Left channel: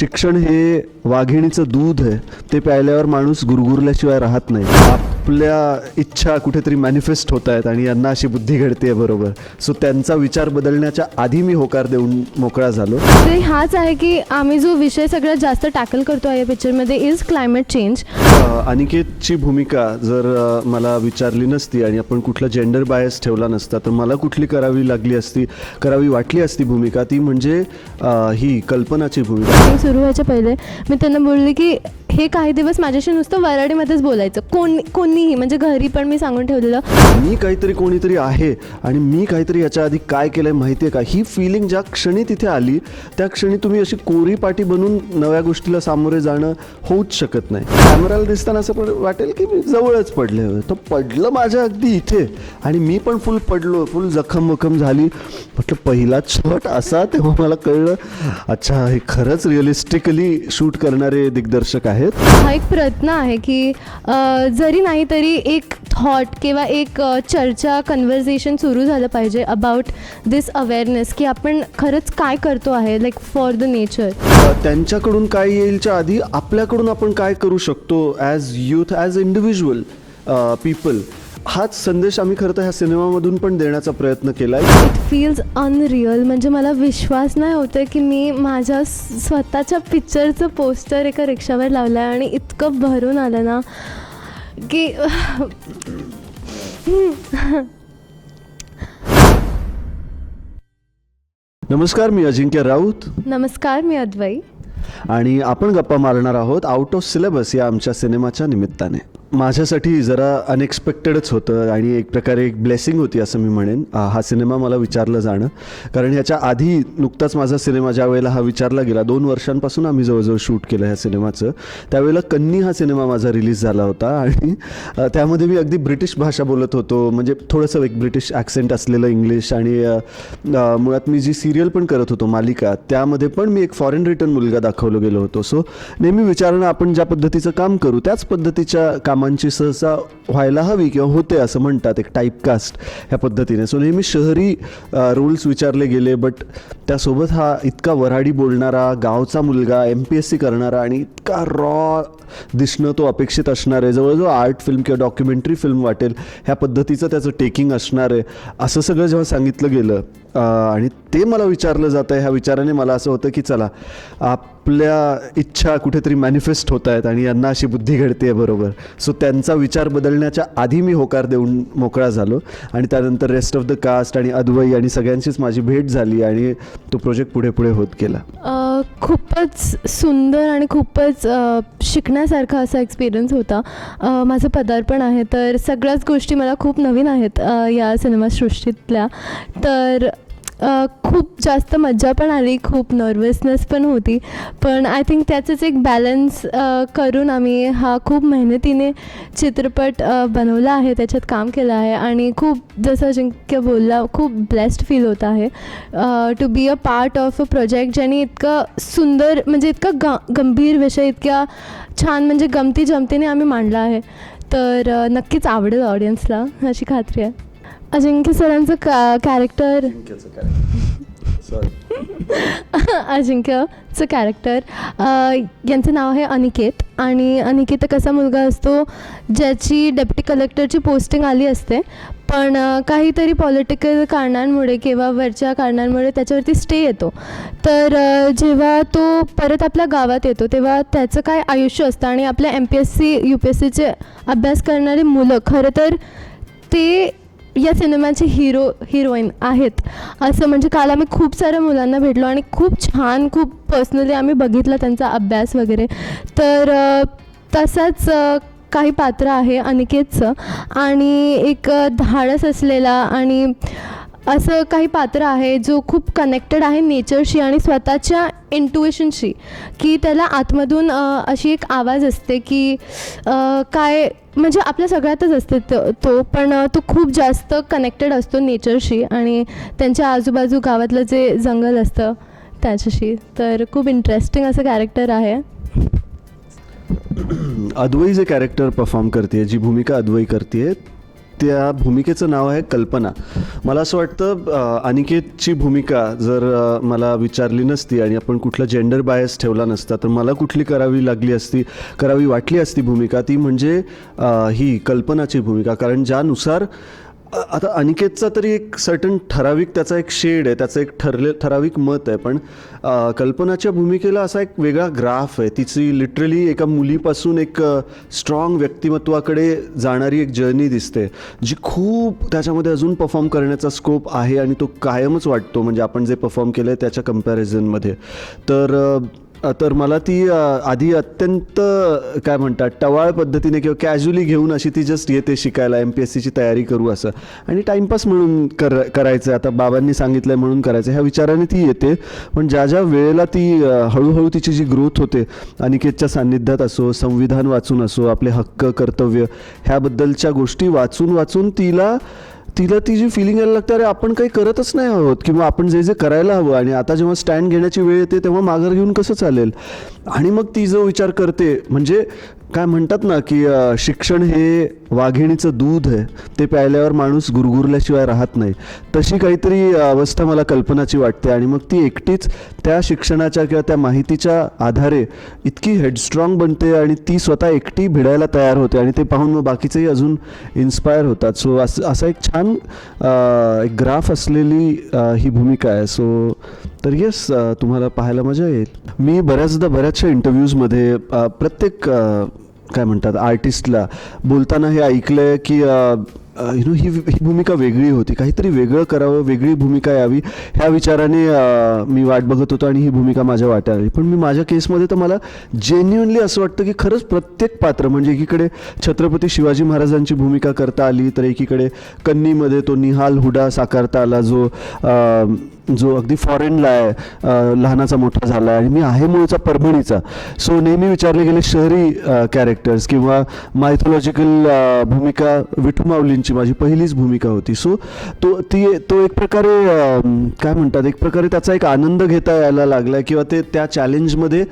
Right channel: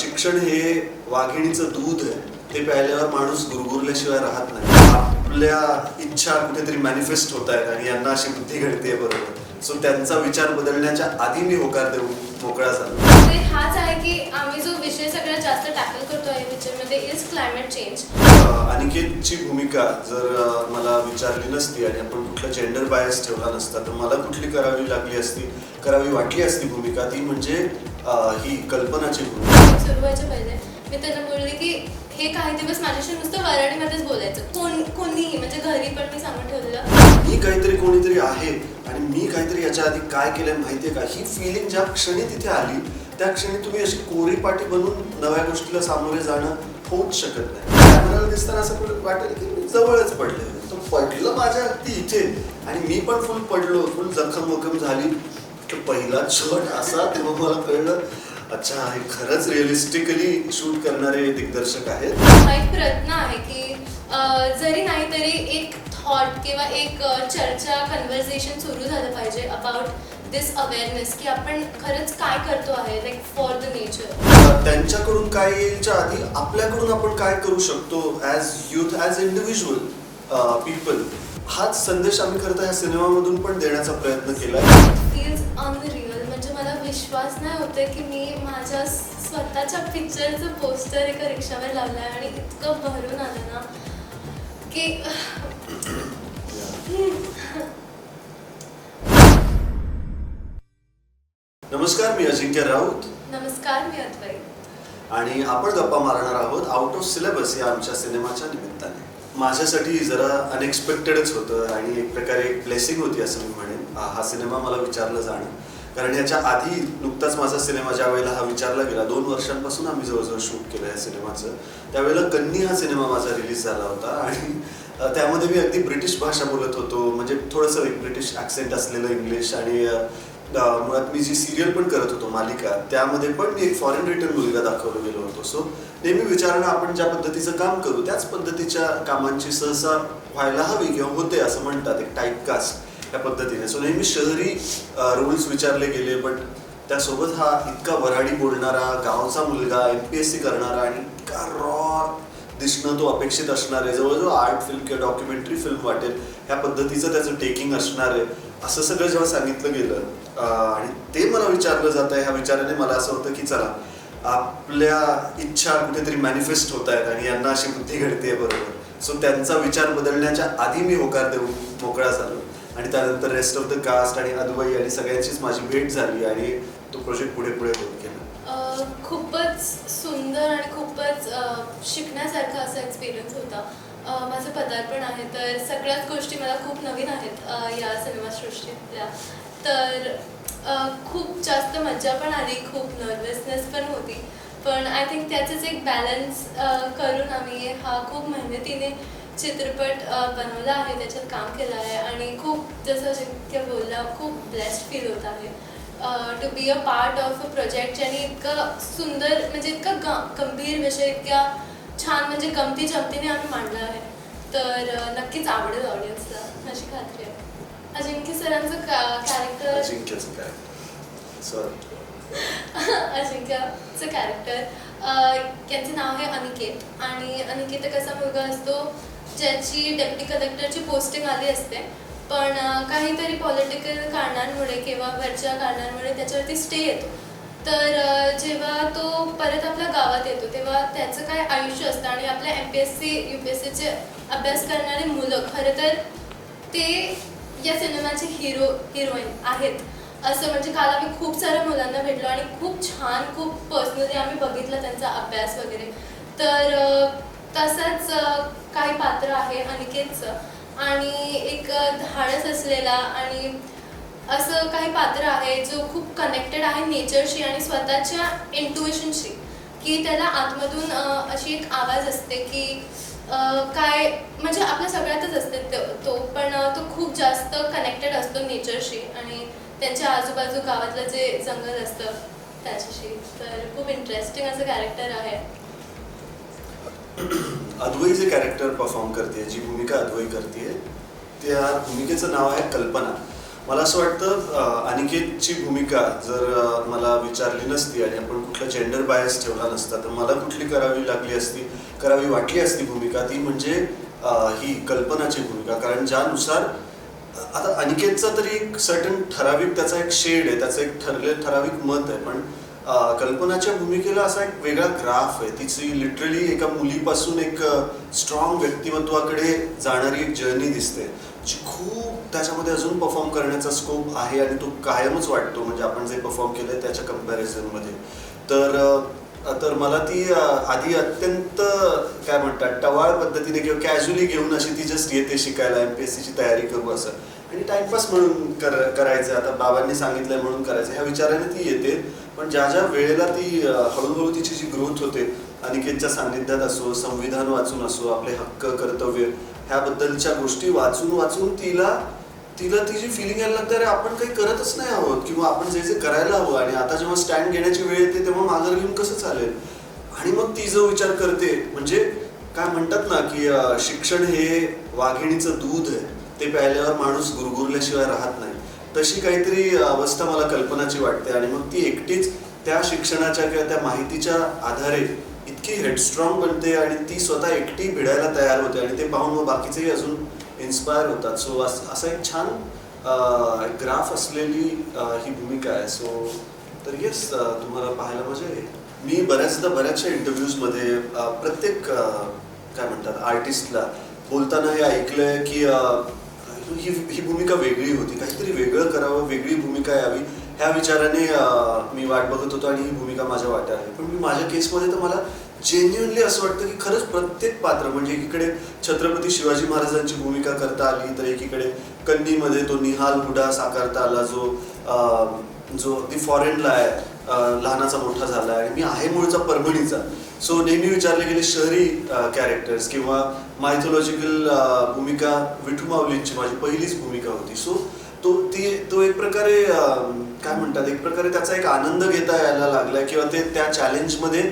शिक्षण हे वाघिणीचं दूध आहे, ते प्यायल्यावर माणूस गुरगुरल्याशिवाय राहत नाही. आपल्या इच्छा कुठेतरी मॅनिफेस्ट होत आहेत आणि यांना अशी बुद्धी घडते बरोबर. सो त्यांचा विचार बदलण्याच्या आधी मी होकार देऊन मोकळा झालो. हाच आहे की आम्ही जो विषय सगळ्यात जास्त टॅकल करतो या पिक्चरमध्ये इज क्लायमेट चेंज. अनिकेतची भूमिका जर मला विचारली नसती आणि आपण कुठला जेंडर बायस ठेवला नसता तर मला कुठली करावी वाटली असती भूमिका, ती म्हणजे ही कल्पनाची भूमिका. सुरू व्हायच्या पहिले मी त्यांना बोलले की हे काही दिवस माझ्याशी नुसतं वराडीमध्येच बोलायचं, कोणीही, म्हणजे घरी पण मी सांगून ठेवलेलं मी काहीतरी कोणीतरी आहे आणि मी काहीतरी याच्या आधी काय केलंय माहितीये का. ही फिलिंग ज्या क्षणी तिथे आली त्या क्षणी तुम्ही अशी कोरी पाटी बनून नव्या गोष्टीला सामोरे जाणं होऊच शकत नाही. कॅमेराला दिसताना असं वाटेल की मी जवळच पडले, तर पडलं माझ्या अगदी इथे आणि मी पण फुल जखम झाली. म्हटलं पहिला शॉट असा, तेव्हा मला कळलं अच्छा हे खरंच रिअलिस्टिकली शूट करणारे दिग्दर्शक आहेत. हा एक प्रयत्न आहे की जरी नाही तरी एक थॉट किंवा एक चर्चा, कन्व्हर्सेशन सुरू झालं पाहिजे अबाउट दिस अवेअरनेस की आपण खरंच काय करतो आहे लाईक फॉर द नेचर. त्यांच्याकडून काय येईलच्या आधी आपल्याकडून आपण काय करू शकतो as youth, as individual people. हाच संदेश आम्ही खरं तर ह्या सिनेमामधून पण देण्याचा प्रयत्न केला. फील्स अनरिअल, म्हणजे मला विश्वास नाही होतं की मी माझ्या स्वतःच्या पिक्चरचं पोस्टर एका रिक्षावर लावलं आहे आणि इतकं भरून आलं ना की नमस्कार, मी अजिंक्य राऊत. नमस्कार, मी अद्वै. आणि आपण गप्पा मारणार आहोत आउट ऑफ सिलेबस या आमच्या सिनेमाच्या निमित्ताने. माझ्यासाठी जरा अनएक्सपेक्टेडच होतं आणि एक प्रकारे एक ब्लेसिंग होती असं मी म्हणेन हा सिनेमा मला विचारलं जाणं. कारण ह्याच्या आधी नुकताच माझा सिनेमा ज्या वेळेला हा विचारला गेला, 2 वर्षांपासून आम्ही जवळजवळ शूट केलं ह्या सिनेमाचं, त्यावेळेला कन्नी हा सिनेमा माझा रिलीज झाला होता आणि त्यामध्ये मी अगदी ब्रिटिश भाषा बोलत होतो, म्हणजे थोडंसं एक ब्रिटिश ॲक्सेंट असलेलं इंग्लिश. आणि मुळात मी जी सिरियल पण करत होतो मालिका, त्यामध्ये पण मी एक फॉरेन रिटर्न मुलगा दाखवलं गेलो होतो. सो नेहमी विचारणं आपण ज्या पद्धतीचं काम करू त्याच पद्धतीच्या कामांची सहसा व्हायला हवी किंवा होते असं म्हणतात, एक टाईपकास्ट ह्या पद्धतीने. सो नेहमी शहरी रूल्स विचारले गेले, बट त्यासोबत हा इतका वऱ्हाडी बोलणारा गावचा मुलगा, MPSC करणारा आणि इतका रॉ दिसणं तो अपेक्षित असणार आहे, जवळजवळ आर्ट फिल्म किंवा डॉक्युमेंटरी फिल्म वाटेल ह्या पद्धतीचं त्याचं टेकिंग असणार आहे, असं सगळं जेव्हा सांगितलं गेलं आणि ते मला विचारलं जातं, ह्या विचाराने मला असं होतं की चला आपल्या इच्छा कुठेतरी मॅनिफेस्ट होत आहेत आणि यांना अशी बुद्धी घडते बरोबर. सो त्यांचा विचार बदलण्याच्या आधी मी होकार देऊन मोकळा झालो आणि त्यानंतर रेस्ट ऑफ द कास्ट आणि अद्वै आणि सगळ्यांचीच माझी भेट झाली आणि तो प्रोजेक्ट पुढे होत गेला. खूपच सुंदर आणि खूपच शिकण्यासारखा असा एक्सपिरियन्स होता. माझं पदार्पण आहे, तर सगळ्याच गोष्टी मला खूप नवीन आहेत या सिनेमासृष्टीतल्या. तर खूप जास्त मजा पण आली, खूप नर्वसनेस पण होती, पण आय थिंक त्याचंच एक बॅलन्स करून आम्ही हा खूप मेहनतीने चित्रपट बनवला आहे, त्याच्यात काम केलं आहे आणि खूप, जसं अजिंक्य बोलला, खूप ब्लेस्ड फील होत आहे to be a part of a project ज्याने इतकं सुंदर, म्हणजे इतका गंभीर विषय इतक्या छान, म्हणजे गमती जमतीने आम्ही मांडला आहे. तर नक्कीच आवडेल ऑडियन्सला अशी खात्री आहे. अजिंक्य सरांचं अजिंक्यचं कॅरेक्टर यांचं नाव आहे अनिकेत. आणि अनिकेत कसा मुलगा असतो ज्याची डेप्युटी कलेक्टरची पोस्टिंग आली असते, पण काहीतरी पॉलिटिकल कारणांमुळे किंवा वरच्या कारणांमुळे त्याच्यावरती स्टे येतो. तर जेव्हा तो परत आपल्या गावात येतो तेव्हा त्याचं काय आयुष्य असतं आणि आपल्या MPSC UPSCचे अभ्यास करणारी मुलं खरं तर ते या सिनेमाचे हिरोईन आहेत असं, म्हणजे काल आम्ही खूप साऱ्या मुलांना भेटलो आणि खूप छान, खूप पर्सनली आम्ही बघितलं त्यांचा अभ्यास वगैरे. तर तसंच काही पात्र आहे अनिकेतचं आणि एक धाडस असलेला आणि असं काही पात्र आहे जो खूप कनेक्टेड आहे नेचरशी आणि स्वतःच्या इंट्युइशनशी, की त्याला आतमधून अशी एक आवाज असते की काय, म्हणजे आपल्या सगळ्यातच असते तो, पण तो खूप जास्त कनेक्टेड असतो नेचरशी आणि त्यांच्या आजूबाजू गावातलं जे जंगल असतं त्याच्याशी. तर खूप इंटरेस्टिंग असं कॅरेक्टर आहे. अद्वै जे कॅरेक्टर परफॉर्म करते, जी भूमिका अद्वै करते, त्या भूमिकेचं नाव आहे कल्पना. मला असं वाटतं अनिकेतची भूमिका जर मला विचारली नसती आणि आपण कुठला जेंडर बायस ठेवला नसता तर मला कुठली करावी वाटली असती भूमिका, ती म्हणजे ही कल्पनाची भूमिका. कारण ज्यानुसार आता अनिकेतचा तरी एक सर्टन ठराविक त्याचा एक शेड आहे, त्याचं एक ठराविक मत आहे, पण कल्पनाच्या भूमिकेला असा एक वेगळा ग्राफ आहे. तिची लिटरली एका मुलीपासून एक स्ट्रॉंग व्यक्तिमत्वाकडे जाणारी एक जर्नी दिसते, जी खूप त्याच्यामध्ये अजून परफॉर्म करण्याचा स्कोप आहे आणि तो कायमच वाटतो, म्हणजे आपण जे परफॉर्म केलं आहे त्याच्या कम्पॅरिझनमध्ये. तर मला ती आधी अत्यंत काय म्हणतात टवाळ पद्धतीने किंवा कॅज्युअली घेऊन अशी ती जस्ट येते शिकायला, MPSCची तयारी करू असं आणि टाइमपास म्हणून करायचं, आता बाबांनी सांगितलंय म्हणून करायचं ह्या विचाराने ती येते. पण ज्या ज्या वेळेला ती हळूहळू तिची जी ग्रोथ होते अनिकेतच्या सान्निध्यात असो, संविधान वाचून असो, आपले हक्क कर्तव्य ह्याबद्दलच्या गोष्टी वाचून तिला ती जी फिलिंग यायला लागते, अरे आपण काही करतच नाही आहोत किंवा आपण जे करायला हवं आणि आता जेव्हा स्टँड घेण्याची वेळ येते तेव्हा माघार घेऊन कसं चालेल. आणि मग ती जो विचार करते, म्हणजे काय म्हणतात ना की शिक्षण हे वाघिणीचं दूध आहे, ते प्यायल्यावर माणूस गुरगुरल्याशिवाय राहत नाही, तशी काहीतरी अवस्था मला कल्पनाची वाटते. आणि मग ती एकटीच त्या शिक्षणाच्या किंवा त्या माहितीच्या आधारे इतकी हेडस्ट्रॉंग बनते आणि ती स्वतः एकटी भिडायला तयार होते आणि ते पाहून मग बाकीचेही अजून इन्स्पायर होतात. सो असं एक छान एक ग्राफ असलेली ही भूमिका आहे. सो तर येस, तुम्हाला पाहायला मजा येईल. मी बऱ्याचशा इंटरव्ह्यूजमध्ये प्रत्येक काय म्हणतात आर्टिस्टला बोलताना हे ऐकलंय की ही भूमिका वेगळी होती, काहीतरी वेगळं करावं, वेगळी भूमिका यावी ह्या विचाराने मी वाट बघत होतो आणि ही भूमिका माझ्या वाट्याला आली. पण मी माझ्या केसमध्ये तर मला जेन्युअनली असं वाटतं की खरंच प्रत्येक पात्र, म्हणजे एकीकडे छत्रपती शिवाजी महाराजांची भूमिका करता आली, तर एकीकडे कन्नीमध्ये तो निहाल हुडा साकारता आला, जो अगदी फॉरेनला आहे, लहानाचा मोठा झाला आणि मी आहे मूळचा परभणीचा. सो नेहमी विचारले गेले शहरी कॅरेक्टर्स किंवा मायथॉलॉजिकल भूमिका विठू माऊलींची माझी पहिलीच भूमिका होती. सो तो एक प्रकारे काय म्हणतात, एक प्रकारे त्याचा एक आनंद घेता यायला लागलाय किंवा त्या चॅलेंजमध्ये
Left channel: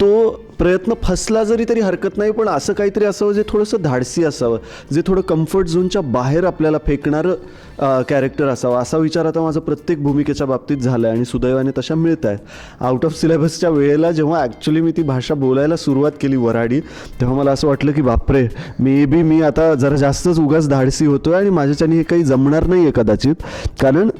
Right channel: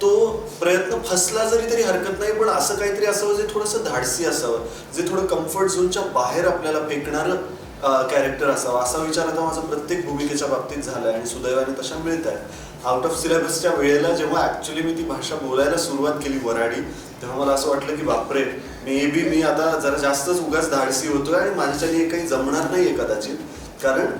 तो प्रयत्न फसला जरी तरी हरकत नाही, पण असं काहीतरी असावं जे थोडंसं धाडसी असावं, जे थोडं कम्फर्ट झोनच्या बाहेर आपल्याला फेकणारं कॅरेक्टर असावा, असा विचार आता माझा प्रत्येक भूमिकेच्या बाबतीत झाला आहे आणि सुदैवाने तशा मिळत आहे. आउट ऑफ सिलेबसच्या वेळेला जेव्हा ॲक्च्युली मी ती भाषा बोलायला सुरुवात केली वऱ्हाडी, तेव्हा मला असं वाटलं की बापरे, मी आता जरा जास्तच उगाच धाडसी होतोय आणि माझ्याच्यानी हे काही जमणार नाही आहे कदाचित. कारण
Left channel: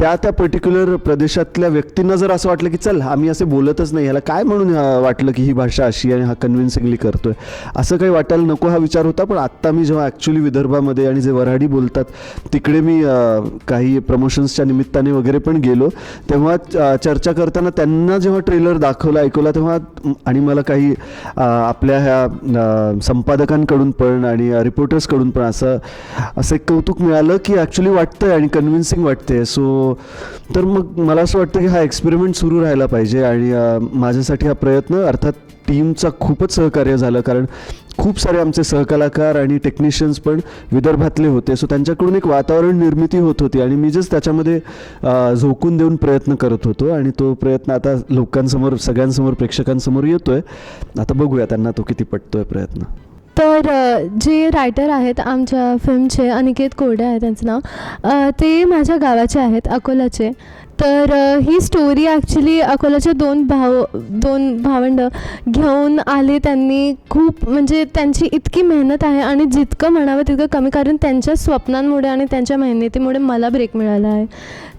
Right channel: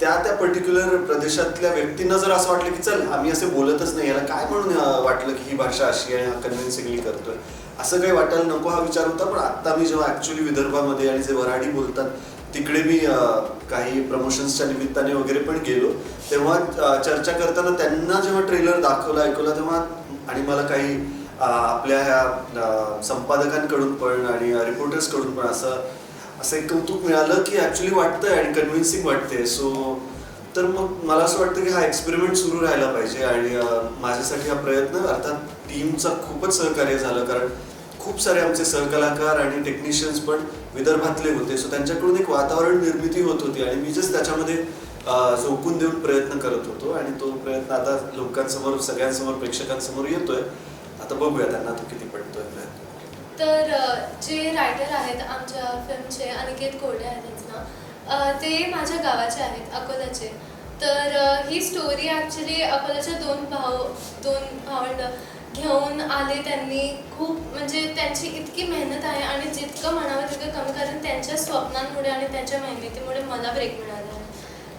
त्या पर्टिक्युलर प्रदेशातल्या व्यक्तींना जर असं वाटलं की चल आम्ही असे बोलतच नाही, याला काय म्हणून वाटलं की ही भाषा अशी आहे, हा कन्व्हिन्सिंगली करतोय, असं काही वाटायला नको हा विचार होता. पण आत्ता मी जेव्हा ॲक्च्युली विदर्भामध्ये आणि जे वऱ्हाडी बोलतात तिकडे मी काही प्रमोशन्सच्या निमित्ताने वगैरे पण गेलो, तेव्हा चर्चा करताना त्यांना जेव्हा ट्रेलर ऐकवला तेव्हा आणि मला काही आपल्या ह्या संपादकांकडून पण आणि रिपोर्टर्सकडून पण असं एक कौतुक मिळालं की ॲक्च्युली वाटतंय आणि कन्व्हिन्सिंग वाटतंय. सो तर मग मला असं वाटतं की हा एक्सपेरिमेंट सुरू राहायला पाहिजे आणि माझ्यासाठी हा प्रयत्न, अर्थात टीमचा खूपच सहकार्य झालं, कारण खूप सारे आमचे सहकलाकार आणि टेक्निशियन्स पण विदर्भातले होते. सो त्यांच्याकडून एक वातावरण निर्मिती होत होती आणि मी जस्ट त्याच्यामध्ये झोकून देऊन प्रयत्न करत होतो आणि तो प्रयत्न आता लोकांसमोर, सगळ्यांसमोर, प्रेक्षकांसमोर येतोय. आता बघूया त्यांना तो किती पटतोय प्रयत्न. तर जे रायटर आहेत आमच्या फिल्मचे, अनिकेत कोरडे आहे त्यांचं नाव, ते माझ्या गावाचे आहेत, अकोलाचे. तर ही स्टोरी ॲक्च्युली अकोलाच्या दोन भावंड घेऊन आले त्यांनी. खूप म्हणजे त्यांची इतकी मेहनत आहे आणि जितकं म्हणावं तितकं कमी, कारण त्यांच्या स्वप्नांमुळे आणि त्यांच्या मेहनतीमुळे मला ब्रेक मिळाला आहे.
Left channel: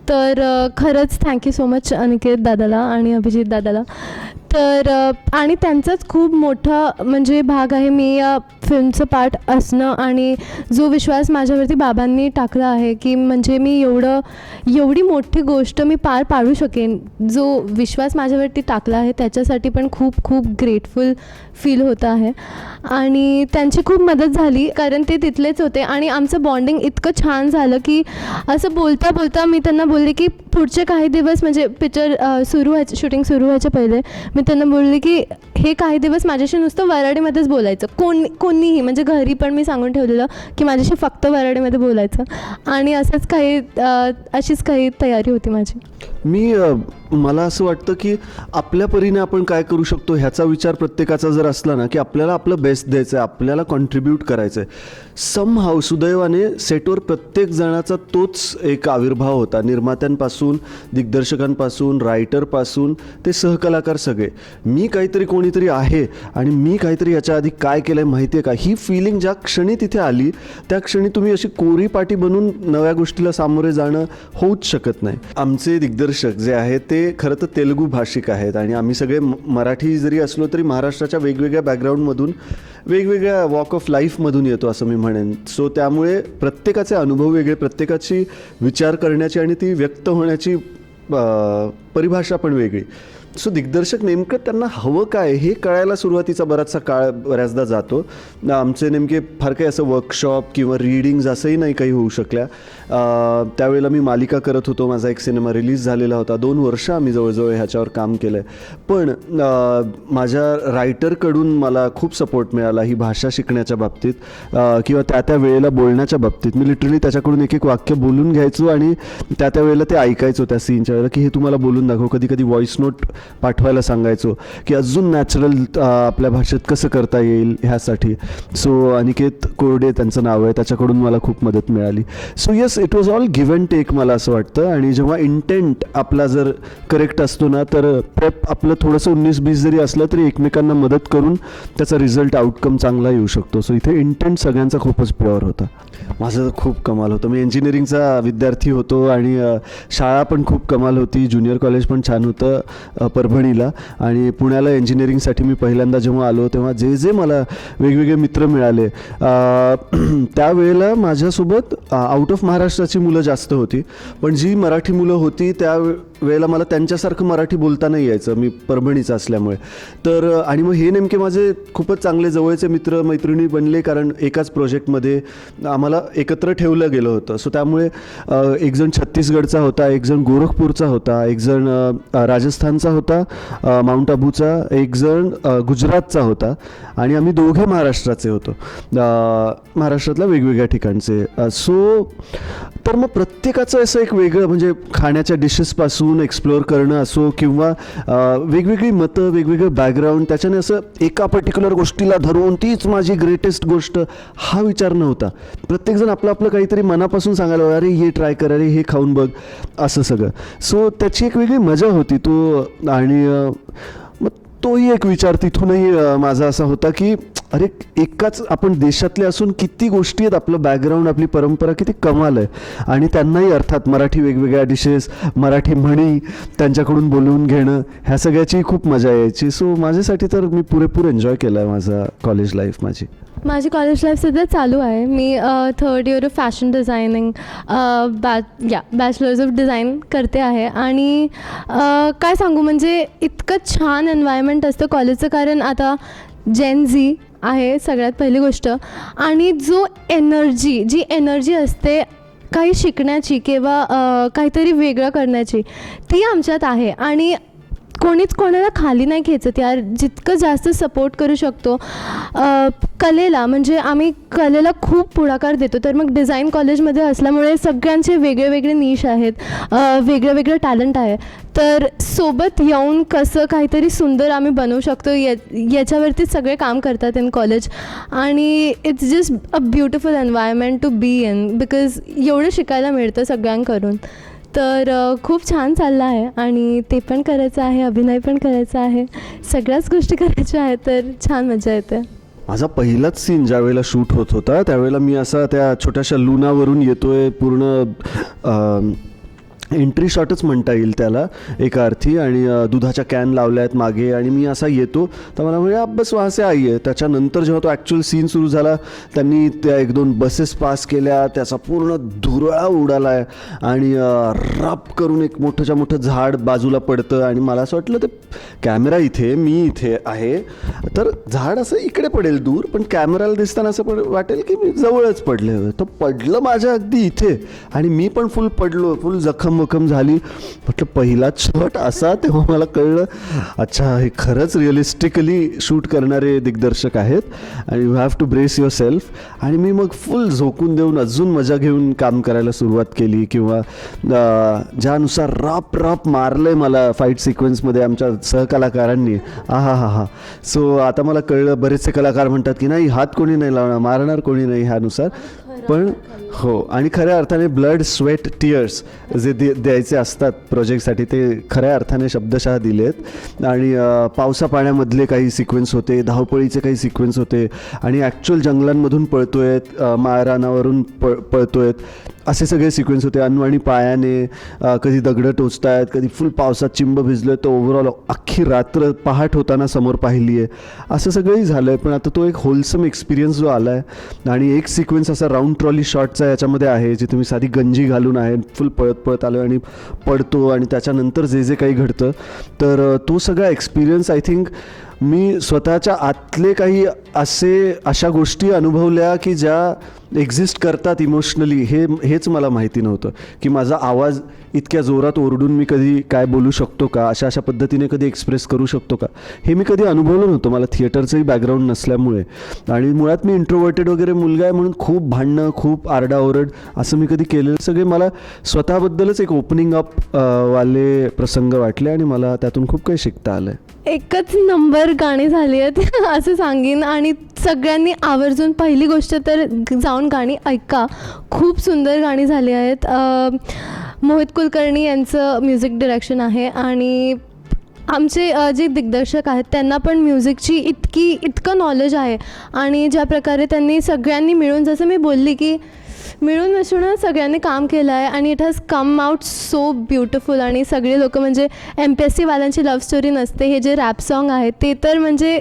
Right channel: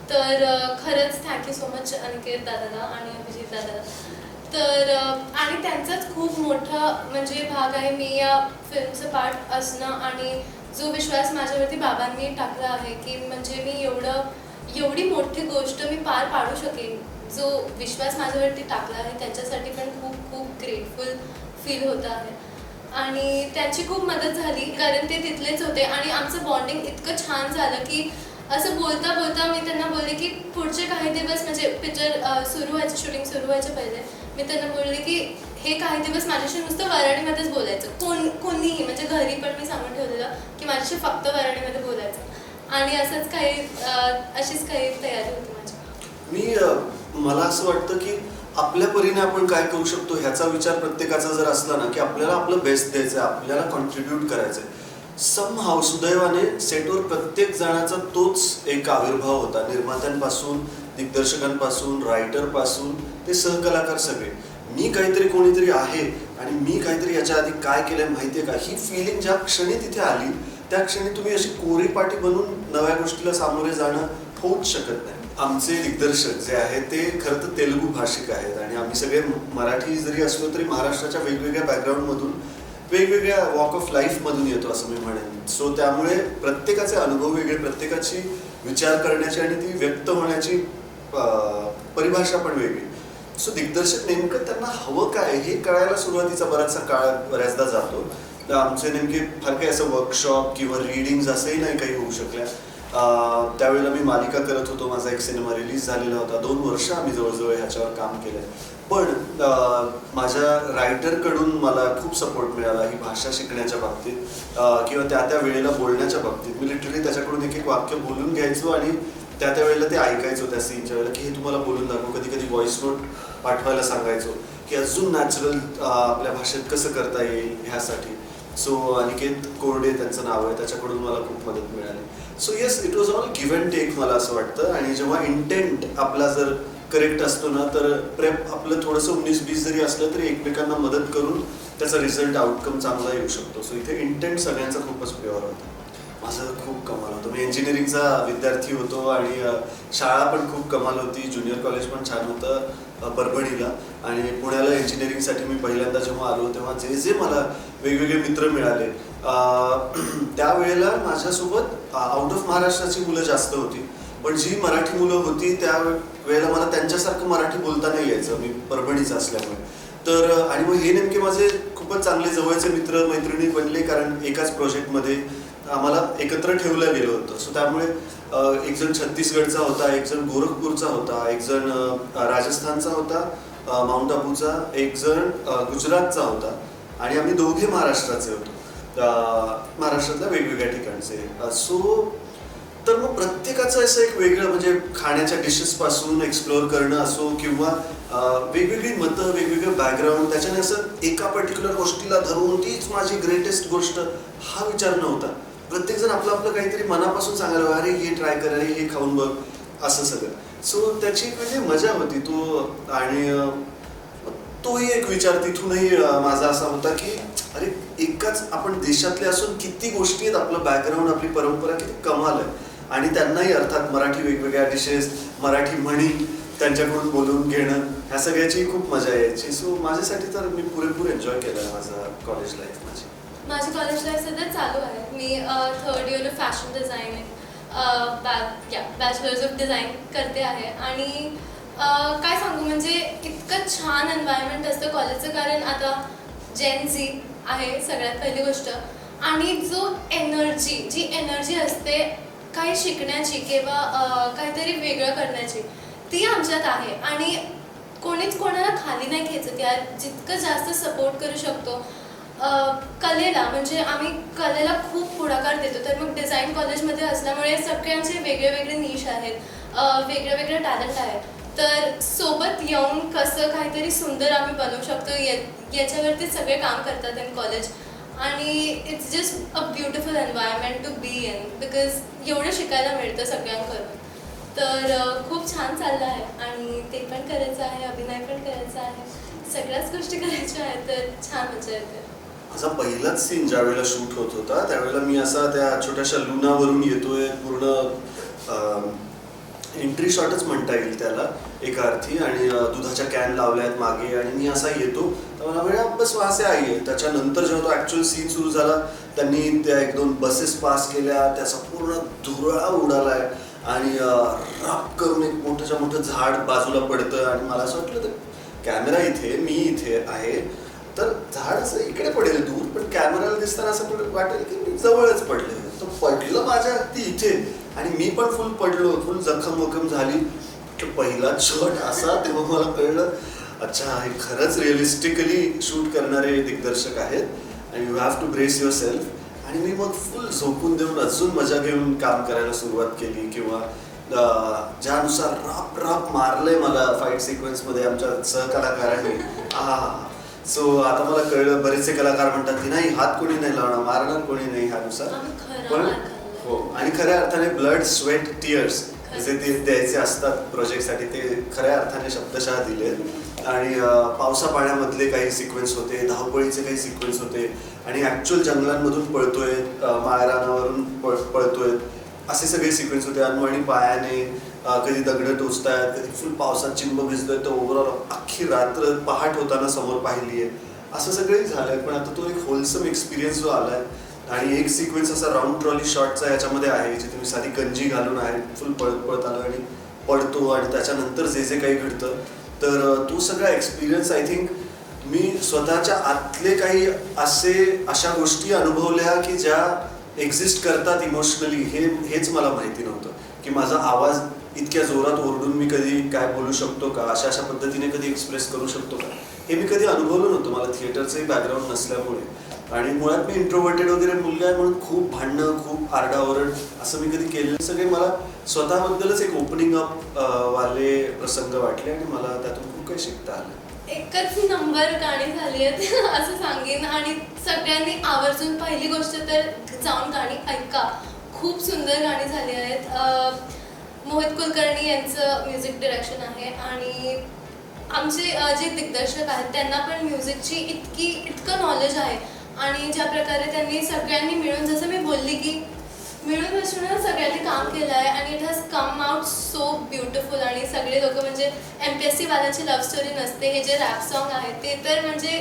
तर खरंच थँक्यू सो मच अनिकेत दादाला आणि अभिजित दादाला. तर आणि त्यांचाच खूप मोठा म्हणजे भाग आहे मी या फिल्मचं पार्ट असणं आणि जो विश्वास माझ्यावरती बाबांनी टाकला आहे की म्हणजे मी एवढी मोठी गोष्ट मी पार पाडू शकेन, जो विश्वास माझ्यावरती टाकला आहे त्याच्यासाठी पण खूप खूप ग्रेटफुल फील होतं आहे. आणि त्यांची खूप मदत झाली कारण ते तिथलेच होते आणि आमचं बॉन्डिंग इतकं छान झालं की असं बोलता बोलता मी त्यांना बोलले की पुढचे काही दिवस म्हणजे पिक्चर शूटिंग सुरू व्हायच्या पहिले मी त्यांना बोलले की हे काही दिवस माझ्याशी नुसतं वऱ्हाडीमध्येच बोलायचं, कोणीही म्हणजे घरी पण मी सांगून ठेवलेलं की माझ्याशी फक्त वऱ्हाडीमध्ये बोलायचं आणि अशीच काही तयारी होती माझी. मला असं वाटतं की आपल्या परीने आपण काय करू शकतो ह्याचा विचार प्रत्येकाचा जर असला ना की आपल्याला आपलं बेस्ट द्यायचं आहे, आपल्याला कॉन्ट्रीब्यूट करायचं आहे, समहाव सुदैवाने सेटवर प्रत्येक जणाचा तोच एक आविर्भाव होता. निर्मात्यांपासून, दिग्दर्शकांपासून, रायटरपासून ते सहकलाकार सगळे. मी काहीतरी कोणीतरी आहे आणि मी काहीतरी याच्या आधी काय केलंय माहिती आहे का, ही फिलिंग ज्या क्षणी तिथे आली त्या क्षणी तुम्ही अशी कोरी पाटी बनून नव्या गोष्टीला सामोरे जाणं होऊच शकत नाही. आमचे दिग्दर्शक जे आहेत ते खरं तर तेलुगू भाषिक आहेत आणि आम्ही सगळे मराठी जरी असलो तरी महाराष्ट्राच्या वेगवेगळ्या बॅकग्राऊंडमधून, वेगवेगळ्या वॉक ऑफ लाईफमधून येतो असं मी म्हणेन. सो त्यामुळे प्रत्येकाचे अनुभव वेगळे, प्रत्येकाची विचार करण्याची आणि ती व्यक्त होण्याची परिभाषा पण वेगळी. सो दिग्दर्शक नेमकं त्यांना हवं काय हे कळायला सुरुवातीचा बराचसा काळ बऱ्याचदा जातो. आमचे नेमके फार काही असं वर्कशॉप किंवा रीडिंग्ज असंही नाही काही होऊ शकल्या. त्यावेळेला मी मालिका करत होतो, माझा एक सिनेमा रिलीज झालेला होता. 2 वर्ष आम्ही जवळजवळ ह्याच्यावर काम केलं आहे. पण माझ्या रायटरकडून मला खूप सपोर्ट मिळाला ही भाषा शिकण्याच्या बाबतीत किंवा त्या त्या वेळेला बोलण्याच्या बाबतीत. मी लिटरली त्याच्याकडून एक एक वाक्य बोलून घ्यायचो आणि त्या त्या वेळेला ते ऐकायचो त्या सीनच्या वेळेला की हे तुम्हाला बोलून दाखव. कधी कधी व्हॉइस नोट पाठवायला सांगायचो की अजून नॅचरल आपल्या भाषेत कसं करता येईल ह्यासाठी. सो अनिकेत कोरडे त्यांचं नाव आहे, त्याच्याकडून मला खूप मदत मिळाली. So yes, it was all give and take मला असं वाटतं. आणि जेव्हा इंटेंट आपला जर करेक्ट असतो ना तर प्रेप आपलं थोडंसं 19-20 जरी असलं तरी एकमेकांना मदत करून त्याचा रिझल्ट आउटकम चांगला येऊ शकतो. सो इथे इंटेंट सगळ्यांचा खूपच प्युअर होता. माझं खूप कमाल होतं. मी इंजिनिअरिंगचा विद्यार्थी होतो आणि शाळा पण खूप कमाल होती. ज्युनियर कॉलेज पण छान होतं परभणीला. आणि पुण्याला इंजिनिअरिंगसाठी मी पहिल्यांदा जेव्हा आलो तेव्हा जे जे मला वेगवेगळे मित्र मिळाले त्यावेळेला माझ्यासोबत आउट ऑफ महाराष्ट्राची मुलं जास्त होती. पण जी मराठी मुलं होती त्या वेळेला मला त्यांच्यासारखं मराठी बोलता नाही यायचं, मी परभणीचं असल्यामुळे. तर आणि मग हे नेमके माझे खूपच चांगले जवळचे मित्र मैत्रिणी बनले कारण एकाच प्रोजेक्टमध्ये आम्हाला एकत्र ठेवलं गेलं होतं. सो त्यामुळे एक जण छत्तीसगडचा होता, एक जण गोरखपूरचा होता, एक जण राजस्थानचा होता, माउंट आबूचा, एक जण गुजरातचा होता आणि आम्ही दोघे महाराष्ट्राचे होतो, महाराष्ट्रातल्या वेगवेगळ्या ठिकाणचे. सो तर मग प्रत्येकाचं असं एक वेगळं म्हणजे खाण्याच्या डिशेसपासून एक्सप्लोअर करणं असो किंवा वेगवेगळी मतं, वेगवेगळं बॅकग्राऊंड, त्याच्याने असं एका पर्टिक्युलर गोष्टीला धरून तीच माझी ग्रेटेस्ट गोष्ट हा विचार नव्हता. प्रत्येकजण आपलं आपलं काहीतरी मनापासून सांगायला, अरे हे ट्राय कर, अरे हे खाऊन बघ, असं सगळं. सो त्याची एक वेगळी मजा होती तो. आणि मग तोही एक विचार तिथूनही माझा असा होता की अरे एकाच आपण देशातले असून किती गोष्टी आहेत, आपलं बॅकग्राऊंड, आपली परंपरा किती कमाल आहे. आणि त्यांनाही अर्थात मराठी वेगवेगळ्या डिशेस, मराठी म्हणी त्यांच्याकडून बोलून घेणं, ह्या सगळ्याची खूप मजा यायची. सो माझ्यासाठी तर मी पुरेपूर एन्जॉय केला आहे माझा कॉलेज लाईफ. माझी कॉलेज लाईफ सध्या चालू आहे. मी 3rd year of fashion designing bachelors of design करते आहे. आणि काय सांगू, म्हणजे इतकं छान एन्व्हायरमेंट असतं कॉलेजचं. कारण आता जेन झी आहे सगळ्यात पहिली गोष्ट. आणि जी एनर्जी असते काही शिकण्याची किंवा काहीतरी वेगळं करण्याची, ती आमच्यात आहे. आणि कोणीच कोणाला खाली नाही खेचत यार. जितकं जास्त सपोर्ट करू शकतो कलेला, म्हणजे आम्ही कलेला खूप पुढाकार देतो. तर मग डिझाईन कॉलेजमध्ये असल्यामुळे सगळ्यांचे वेगळे वेगळे निश आहेत, वेगळे वेगळे टॅलेंट आहे. तर सोबत येऊन कसं काहीतरी सुंदर आम्ही बनवू शकतो याच्यावरती सगळे काम करतात इन कॉलेज. आणि it's just a beautiful environment to be in, because एवढं शिकायला मिळतं सगळ्यांकडून. तर खूप छान चाललं आहे. आणि ते पण करायचं आहे, अभिनय पण करायचा आहे, सगळ्याच गोष्टी करायच्या आहेत. तर छान मजा येते. माझा पहिलाच सीन ज्या वेळेला शूट होत होता त्यावेळेला मी असा त्या छोट्याशा लुनावरून येतोय, पूर्ण एंट्री शॉटच म्हणता येईल त्याला एका अर्थी. आणि दुधाच्या कॅन लावल्या आहेत मागे आणि मी असा येतो तर मला म्हणजे बस वासे आई आहे. त्याच्यानंतर जेव्हा तो ॲक्च्युअल सीन सुरू झाला त्यांनी त्या 1-2 बसेस पास केल्या, त्याचा पूर्ण धुरळा उडाला आहे आणि राप करून एक मोठंच्या मोठं झाड बाजूला पडतं. आणि मला असं वाटलं तर कॅमेरा इथे, मी इथे आहे, तर झाड असं इकडे पडेल दूर, पण कॅमेराला दिसताना असं वाटेल की मी जवळच पडले. तो पडलं माझ्या अगदी इथे आणि मी पण फुल पडलो, फुल जखम झाली. म्हटलं पहिला शॉट असा. तेव्हा मला कळलं अच्छा हे खरंच रिअलिस्टिकली शूट करणारे दिग्दर्शक आहेत आणि you have to brace yourself. आणि मी मग फुल झोकून देऊन अजून मजा घेऊन काम करायला सुरुवात केली. किंवा ज्यानुसार राप मारलंय मला फाईट सिक्वेन्समध्ये आमच्या सहकलाकारांनी, हा. सो आता मला कळलं, बरेचसे कलाकार म्हणतात की नाही हात कोणी नाही लावणार, मारणार कोणी नाही ह्यानुसार, पण हो, आणि खऱ्या अर्थाने ब्लड स्वेट टिअर्स जे द्यायचे असतात प्रोजेक्टसाठी ते खऱ्या अर्थाने शब्दशः दिलेत. आणि पावसा पाण्यामधले काही सिक्वेन्स होते, धावपळीचे काही सिक्वेन्स होते, आणि ॲक्च्युअल जंगलांमधून पळतोयत, माळरानावरून पळतोयत, असे सगळे सिक्वेन्स होते. आणि पायाने कधी दगडं टोचतायत, कधी फुल पावसात चिंब भिजलोय, तर ओव्हरऑल अख्खी रात्र पहाट होताना समोर पाहिली आहे, असं सगळंही झालं आहे. पण आता तो एक होलसम एक्सपिरियन्स जो आला आहे, आणि एक सिक्वेन्स असा राऊंड ट्रॉली शॉटचा याच्यामध्ये आहे, जे तुम्ही साधी गंजी घालून आहे, फुल पळत पळत आलो आणि पडतो, आणि त्याच्यानंतर जे जे काही घडतं, तर तो सगळा एक्सपिरियन्स आय थिंक मी स्वतःच्या आतले काही अशा गोष्टी अनुभवल्या की ज्या एक्झिस्ट करतात इमोशनली, हेच मला माहिती नव्हतं. की माझा आवाज इतक्या जोरात ओरडून मी कधी काय बोलू शकतो का, अशा पद्धतीने कधी एक्सप्रेस करू शकतो का, हे मी कधी अनुभवलं नव्हतं. मला थिएटरचंही बॅकग्राऊंड नसल्यामुळे, आणि मुळात मी इंट्रोवर्टेड वगैरे मुलगा आहे म्हणून खूप भांडणं, खूप आरडाओरड असं मी कधी केलेलं सगळे मला स्वतःबद्दलच एक ओपनिंग अप वाले प्रसंग वाटले, आणि मला त्यातून खूप काही शिकता आलंय. एकच नंबर गाणी झाली आहेत असं सांगेन, आणि सगळ्यांनी आवर्जून पहिली गोष्ट तर जाऊन गाणी ऐका, खूप सुंदर गाणी झाली आहेत. मोहित कुलकर्णी यांचं म्युझिक डिरेक्शन आहे, आणि आमचे जे दिग्दर्शक आहेत त्यांना पण म्युझिकची इतकं नॉलेज आहे, आणि ज्या प्रकारे त्यांनी सगळ्यांनी मिळून, जसं मी बोलली की मिळून मिसळून सगळ्यांनी काम केलं आहे, आणि it has come out so beautiful. आणि सगळे लोक म्हणजे MPSC वाल्यांची लव्ह स्टोरी नसते, हे जे रॅप सॉन्ग आहे ते तर म्हणजे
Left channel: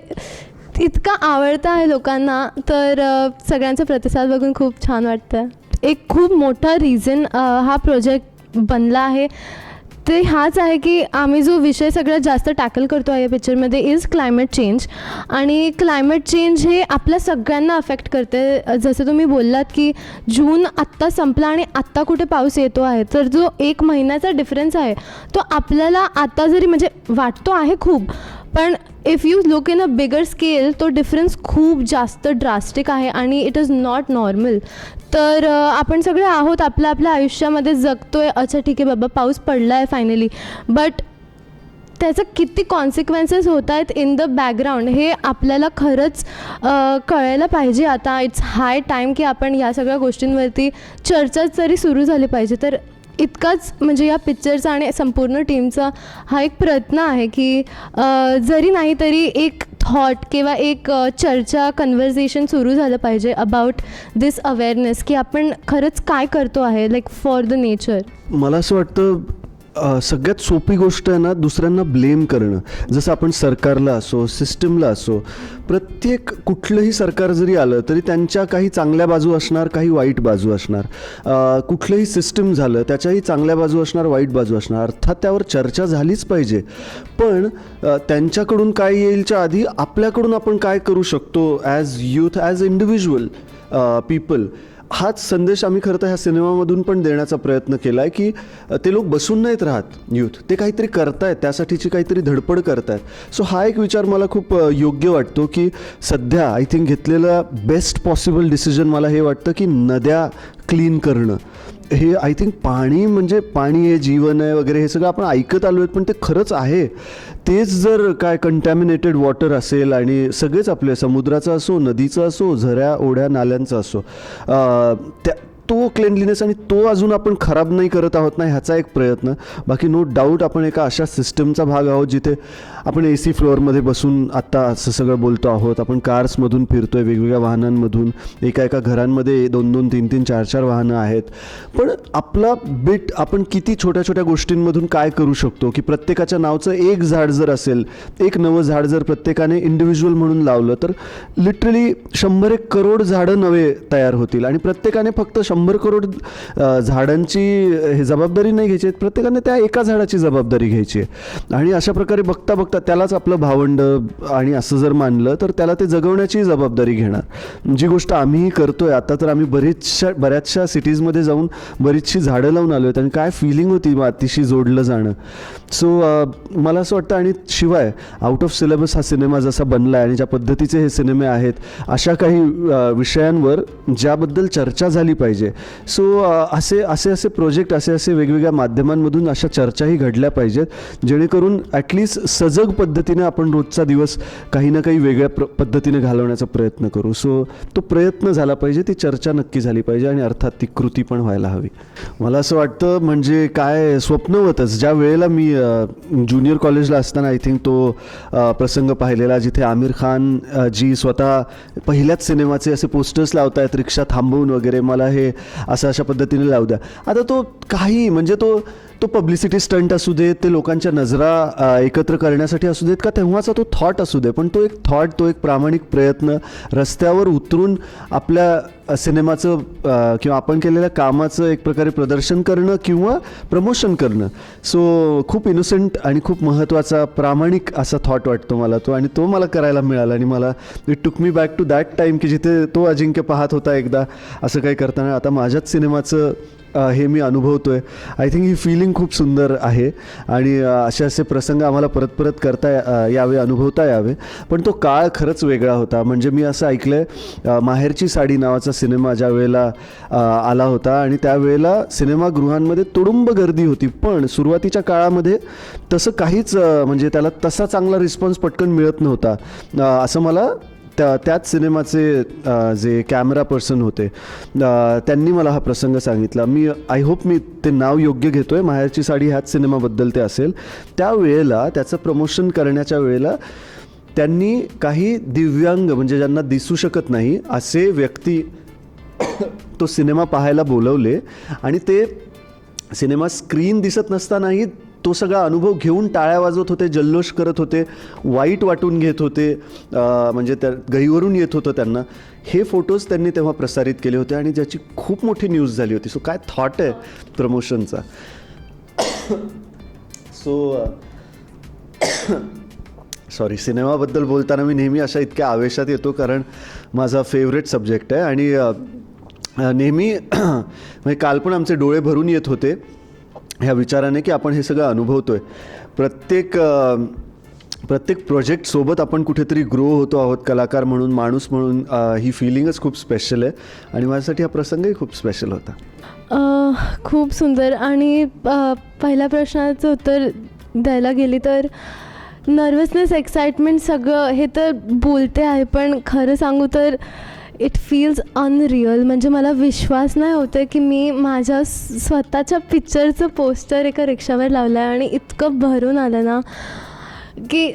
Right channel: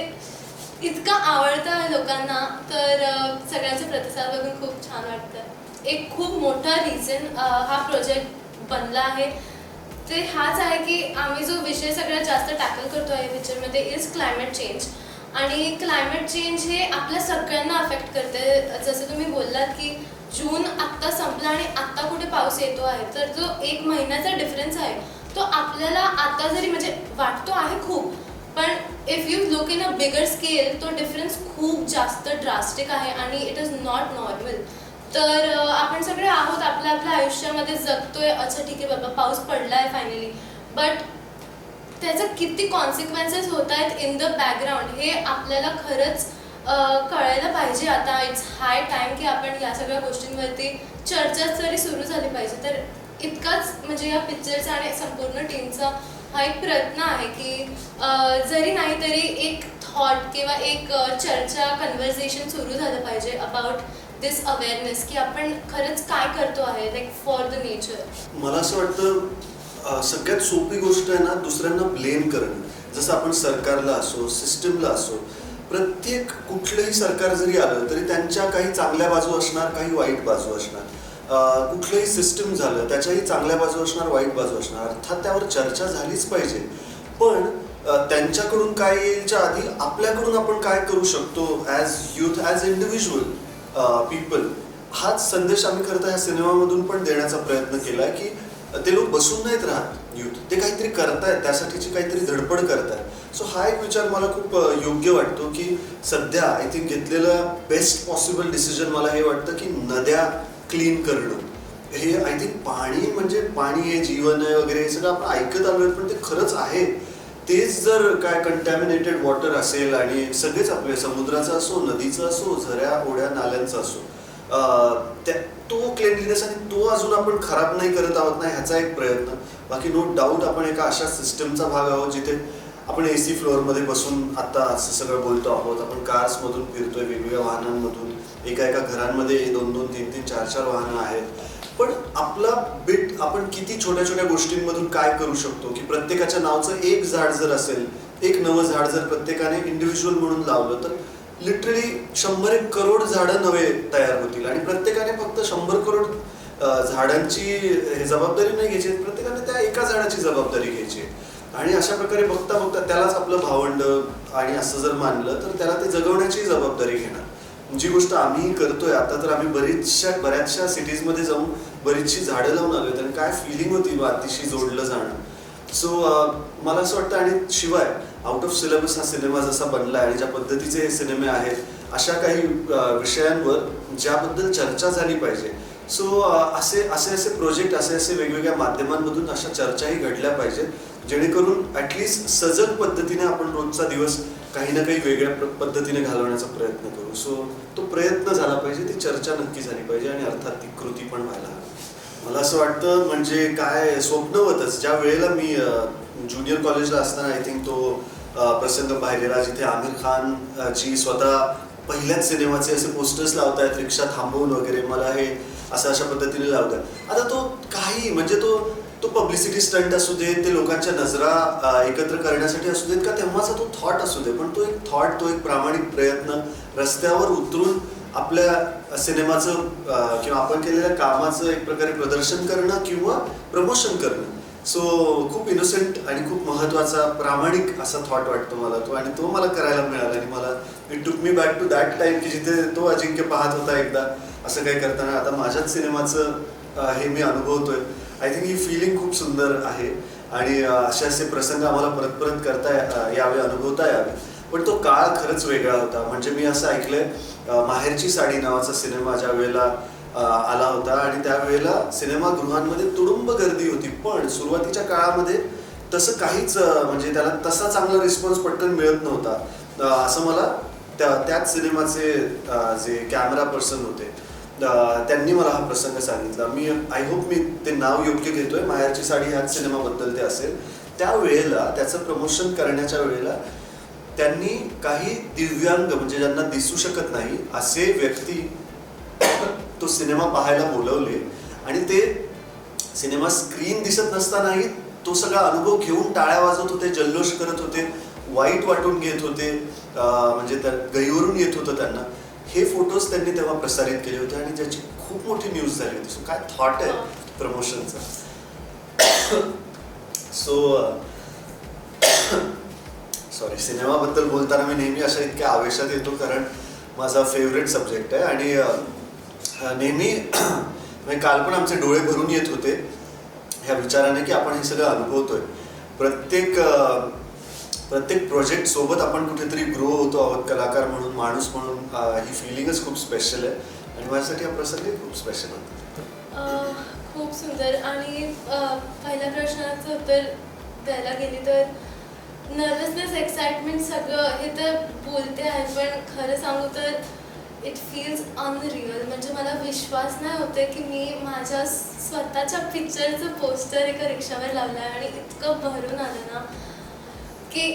इतकं आवडतं आहे लोकांना, तर सगळ्यांचा प्रतिसाद बघून खूप छान वाटतं. एक खूप मोठा रिझन हा प्रोजेक्ट बनला आहे ते हाच आहे की आम्ही जो विषय सगळ्यात जास्त टॅकल करतो आहे या पिक्चरमध्ये इज क्लायमेट चेंज. आणि क्लायमेट चेंज हे आपल्या सगळ्यांना अफेक्ट करते. जसं तुम्ही बोललात की जून आत्ता संपला आणि आत्ता कुठे पाऊस येतो आहे, तर जो 1 महिन्याचा डिफरन्स आहे तो आपल्याला आता जरी म्हणजे वाटतो आहे खूप, पण if you look in a bigger scale तो डिफरन्स खूप जास्त ड्रास्टिक आहे, आणि इट इज नॉट नॉर्मल. तर आपण सगळे आहोत आपल्या आपल्या आयुष्यामध्ये जगतोय, अच्छा ठीक आहे बाबा पाऊस पडला आहे फायनली, बट त्याचं किती कॉन्सिक्वेन्सेस होत आहेत इन द बॅकग्राऊंड हे आपल्याला खरंच कळायला पाहिजे. आता इट्स हाय टाईम की आपण या सगळ्या गोष्टींवरती चर्चा तरी सुरू झाली पाहिजे. तर इतकाच म्हणजे या पिक्चरचा आणि संपूर्ण टीमचा हा एक प्रयत्न आहे की जरी नाही तरी एक थॉट किंवा एक चर्चा कन्व्हर्सेशन सुरू झालं पाहिजे अबाउट दिस अवेअरनेस की आपण खरंच काय करतो आहे लाईक फॉर द नेचर. मला असं वाटतं सगळ्यात सोपी गोष्ट आहे ना दुसऱ्यांना ब्लेम करणं. जसं आपण सरकारला असो सिस्टमला असो, प्रत्येक कुठलंही सरकार जरी आलं तरी त्यांच्या काही चांगल्या बाजू असणार काही वाईट बाजू असणार. कुठलंही सिस्टम झालं त्याच्याही चांगल्या बाजू असणार वाईट बाजू असणार. अर्थात त्यावर चर्चा झालीच पाहिजे, पण त्यांच्याकडून काय येईलच्या आधी आपल्याकडून आपण काय करू शकतो as youth as individual people, हाच संदेश आम्ही खरं तर ह्या सिनेमामधून पण देण्याचा प्रयत्न केला आहे की ते लोक बसून नाहीत राहत यूथ, ते काहीतरी करतायत, त्यासाठीची काहीतरी धडपड करतायत. सो हा एक विचार मला खूप योग्य वाटतो की सध्या आय थिंक घेतलेलं बेस्ट पॉसिबल डिसिजन मला हे वाटतं की नद्या क्लीन करणं. हे आय थिंक पाणी म्हणजे पाणी हे जीवन आहे वगैरे हे सगळं आपण ऐकत आलो आहेत, पण ते खरंच आहे. तेच जर काय कंटॅमिनेटेड वॉटर असेल आणि सगळेच आपले समुद्राचं असो नदीचं असो झऱ्या ओढ्या नाल्यांचं असो तो क्लेनलीनेस आणि तो अजून आपण खराब नाही करत आहोत ना ह्याचा एक प्रयत्न. बाकी नो डाऊट आपण एका अशा सिस्टमचा भाग आहोत जिथे आपण AC फ्लोअरमध्ये बसून आत्ता असं सगळं बोलतो आहोत. आपण कार्समधून फिरतोय वेगवेगळ्या वाहनांमधून, एका एका घरांमध्ये 2-2, 3-3, 4-4 वाहनं आहेत. पण आपला बिट आपण किती छोट्या छोट्या गोष्टींमधून काय करू शकतो की प्रत्येकाच्या नावचं एक झाड जर असेल, एक नवं झाड जर प्रत्येकाने इंडिव्हिज्युअल म्हणून लावलं तर लिटरली 100 करोड झाडं नवे तयार होतील. आणि प्रत्येकाने फक्त 100 करोड झाडांची हे जबाबदारी नाही घ्यायची, प्रत्येकाने त्या एका झाडाची जबाबदारी घ्यायची आहे. आणि अशा प्रकारे बघता बघता त्यालाच आपलं भावंड आणि असं जर मानलं तर त्याला ते जगवण्याची जबाबदारी घेणार. जी गोष्ट आम्ही करतोय आता, तर आम्ही बऱ्याचशा सिटीजमध्ये जाऊन बरीचशी झाडं लावून आलो आहेत आणि काय फिलिंग होती मातीशी जोडलं जाणं. सो मला असं वाटतं, आणि शिवाय आउट ऑफ सिलेबस हा सिनेमा जसा बनला आहे आणि ज्या पद्धतीचे हे सिनेमे आहेत, अशा काही विषयांवर ज्याबद्दल चर्चा झाली पाहिजे. सो असे असे असे प्रोजेक्ट, असे वेगवेगळ्या माध्यमांमधून अशा चर्चाही घडल्या पाहिजेत, जेणेकरून ॲटलिस्ट सजग पद्धतीने आपण रोजचा दिवस काही ना काही वेगळ्या पद्धतीने घालवण्याचा प्रयत्न करू. सो तो प्रयत्न झाला पाहिजे, ती चर्चा नक्की झाली पाहिजे आणि अर्थात ती कृती पण व्हायला हवी. मला असं वाटतं, म्हणजे काय स्वप्नवतच ज्या वेळेला मी ज्युनियर कॉलेजला असताना आय थिंक तो प्रसंग पाहिलेला, जिथे आमिर खान जी स्वतः पहिल्याच सिनेमाचे असे पोस्टर्स लावतायत रिक्षा थांबवून वगैरे, मला हे असं अशा पद्धतीने लावू द्या. आता तो काही म्हणजे तो पब्लिसिटी स्टंट असू दे, ते लोकांच्या नजरा एकत्र करण्यासाठी असू देत, का तेव्हाचा तो थॉट असू दे, पण तो एक थॉट, तो एक प्रामाणिक प्रयत्न रस्त्यावर उतरून आपल्या सिनेमाचं किंवा आपण केलेल्या कामाचं एक प्रकारे प्रदर्शन करणं किंवा प्रमोशन करणं. सो खूप इनोसेंट आणि खूप महत्त्वाचा प्रामाणिक असा थॉट वाटतो मला तो, आणि तो मला करायला मिळाला. आणि मला it took me back to that time की जिथे तो अजिंक्य पाहत होता एकदा असं काही करताना. आता माझ्याच सिनेमाचं हे मी अनुभवतोय. आय थिंक ही फिलिंग खूप सुंदर आहे, आणि असे प्रसंग आम्हाला परत परत करता यावे, अनुभवता यावे. पण तो काळ खरंच वेगळा होता. म्हणजे मी असं ऐकलंय, माहेरची साडी नावाचा सिनेमा ज्या वेळेला आला होता, आणि त्यावेळेला सिनेमागृहांमध्ये तुडुंब गर्दी होती, पण सुरुवातीच्या काळामध्ये तसं काहीच म्हणजे त्याला तसा चांगला रिस्पॉन्स पटकन मिळत नव्हता, असं मला त्याच सिनेमाचे जे कॅमेरा पर्सन होते त्यांनी मला हा प्रसंग सांगितला. मी आय होप मी ते नाव योग्य घेतोय, माहेरची साडी ह्याच सिनेमाबद्दल ते असेल. त्यावेळेला त्याचं प्रमोशन करण्याच्या वेळेला त्यांनी काही दिव्यांग, म्हणजे ज्यांना दिसू शकत नाही असे व्यक्ती तो सिनेमा पाहायला बोलवले, आणि ते सिनेमा स्क्रीन दिसत नसतानाही तो सगळा अनुभव घेऊन टाळ्या वाजवत होते, जल्लोष करत होते, वाईट वाटून घेत होते, म्हणजे त्या गैवरून येत होतं त्यांना. हे फोटोज त्यांनी तेव्हा प्रसारित केले होते, आणि ज्याची खूप मोठी न्यूज झाली होती. सो काय थॉट आहे प्रमोशनचा. सो सॉरी, सिनेमाबद्दल बोलताना मी नेहमी अशा इतक्या आवेशात येतो, कारण माझा फेवरेट सब्जेक्ट आहे. आणि नेहमी म्हणजे काल पण आमचे डोळे भरून येत होते ह्या विचाराने की आपण हे सगळं अनुभवतोय. प्रत्येक प्रोजेक्ट सोबत आपण कुठेतरी ग्रो होतो आहोत, कलाकार म्हणून, माणूस म्हणून. ही फिलिंगच खूप स्पेशल आहे, आणि माझ्यासाठी हा प्रसंगही खूप स्पेशल होता. खूप सुंदर. आणि पहिल्या प्रश्नाचं उत्तर द्यायला गेली तर नर्वसनेस, एक्साइटमेंट सगळं हे तर बोलते आहे, पण खरं सांगू तर इट फील्स अनरिअल. म्हणजे मला विश्वास नाही होतं की मी माझ्या स्वतःच्या पिक्चरचं पोस्टर एका रिक्षावर लावलं आहे, आणि इतकं भरून आलं ना की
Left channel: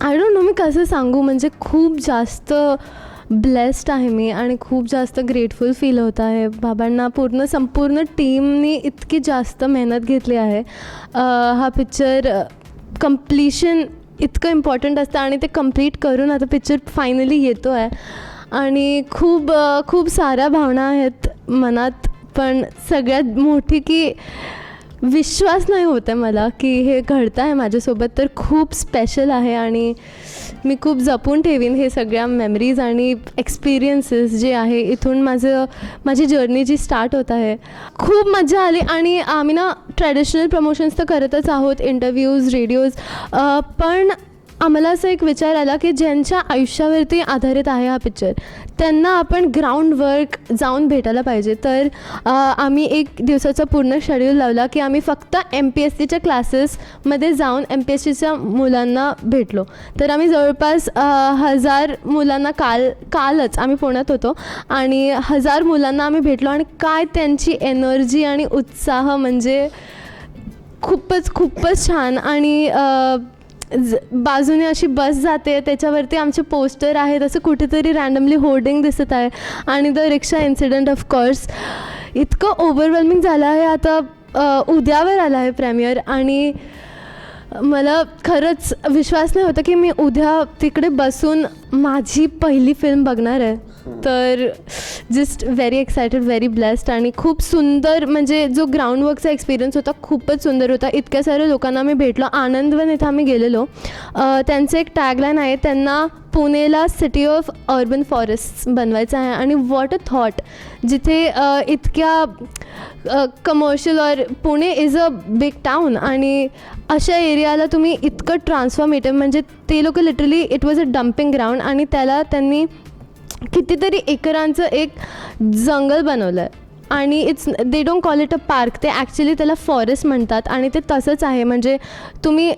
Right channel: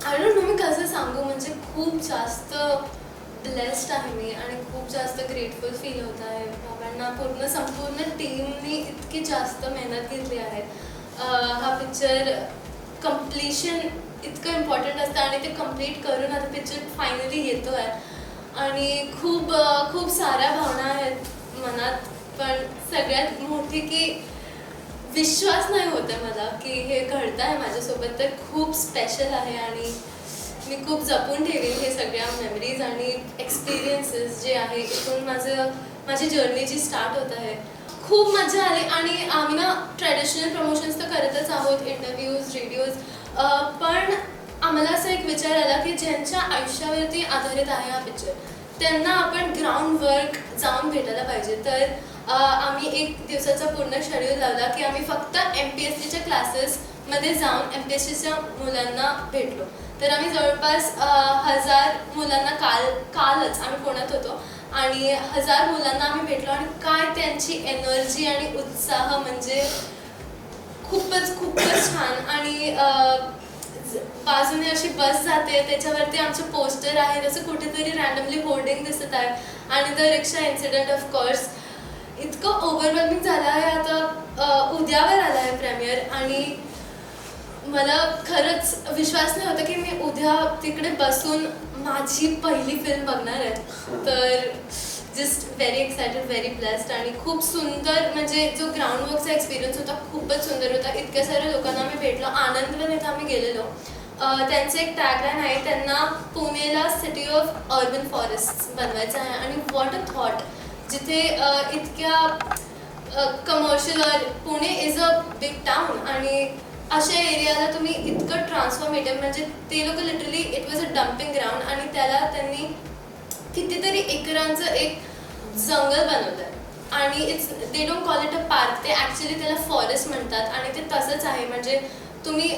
आय डोंट नो मी कसं सांगू. म्हणजे खूप जास्त ब्लेस्ड आहे मी, आणि खूप जास्त ग्रेटफुल फील होत आहे. बाबांना संपूर्ण टीमनी इतकी जास्त मेहनत घेतली आहे. हा पिक्चर कम्प्लिशन इतकं इम्पॉर्टंट असतं, आणि ते कम्प्लीट करून आता पिक्चर फायनली येतो आहे, आणि खूप साऱ्या भावना आहेत मनात. पण सगळ्यात मोठी की विश्वास नाही होत आहे मला की हे घडतं आहे माझ्यासोबत. तर खूप स्पेशल आहे, आणि मी खूप जपून ठेवीन हे सगळ्या मेमरीज आणि एक्सपिरियन्सेस जे आहे. इथून माझी जर्नी जी स्टार्ट होत आहे. खूप मजा आली. आणि आम्ही ना ट्रॅडिशनल प्रमोशन्स तर करतच आहोत, इंटरव्ह्यूज, रेडिओज, पण आम्हाला असं एक विचार आला की ज्यांच्या आयुष्यावरती आधारित आहे हा पिक्चर, त्यांना आपण ग्राउंड वर्क जाऊन भेटायला पाहिजे. तर आम्ही एक दिवसाचा पूर्ण शेड्यूल लावला की आम्ही फक्त MPSCच्या क्लासेसमध्ये जाऊन MPSCच्या मुलांना भेटलो. तर आम्ही जवळपास 1000 मुलांना कालच आम्ही पुण्यात होतो, आणि 1000 मुलांना आम्ही भेटलो. आणि काय त्यांची एनर्जी आणि उत्साह, म्हणजे खूपच छान. आणि बाजूने अशी बस जाते, त्याच्यावरती आमचे पोस्टर आहेत, असं कुठेतरी रॅन्डमली होर्डिंग दिसत आहे. आणि द रिक्षा इन्सिडेंट ऑफकोर्स इतकं ओव्हरवेल्मिंग झालं आहे. आता उद्यावर आला आहे प्रेमियर, आणि मला खरंच विश्वास नाही होता की मी उद्या तिकडे बसून माझी पहिली फिल्म बघणार आहे. तर just very excited, very blessed. आणि खूप सुंदर, म्हणजे जो ग्राउंडवर्कचा एक्सपिरियन्स होता खूपच सुंदर होता. इतक्या साऱ्या लोकांना आम्ही भेटलो. आनंदवन इथं आम्ही गेलेलो. त्यांचं एक टॅगलाईन आहे, त्यांना पुणेला सिटी ऑफ अर्बन फॉरेस्ट बनवायचं आहे. आणि व्हॉट अ थॉट, जिथे इतक्या कमर्शियल और Pune is a big town आणि अशा एरियाला तुम्ही इतकं ट्रान्सफॉर्मेटिव्ह म्हणजे ते लोक literally it was a dumping ground आणि त्याला त्यांनी कितीतरी एकरांचं एक जंगल बनवलं आणि it's they don't call it a park, ते ॲक्च्युली त्याला फॉरेस्ट म्हणतात आणि ते तसंच आहे. म्हणजे तुम्ही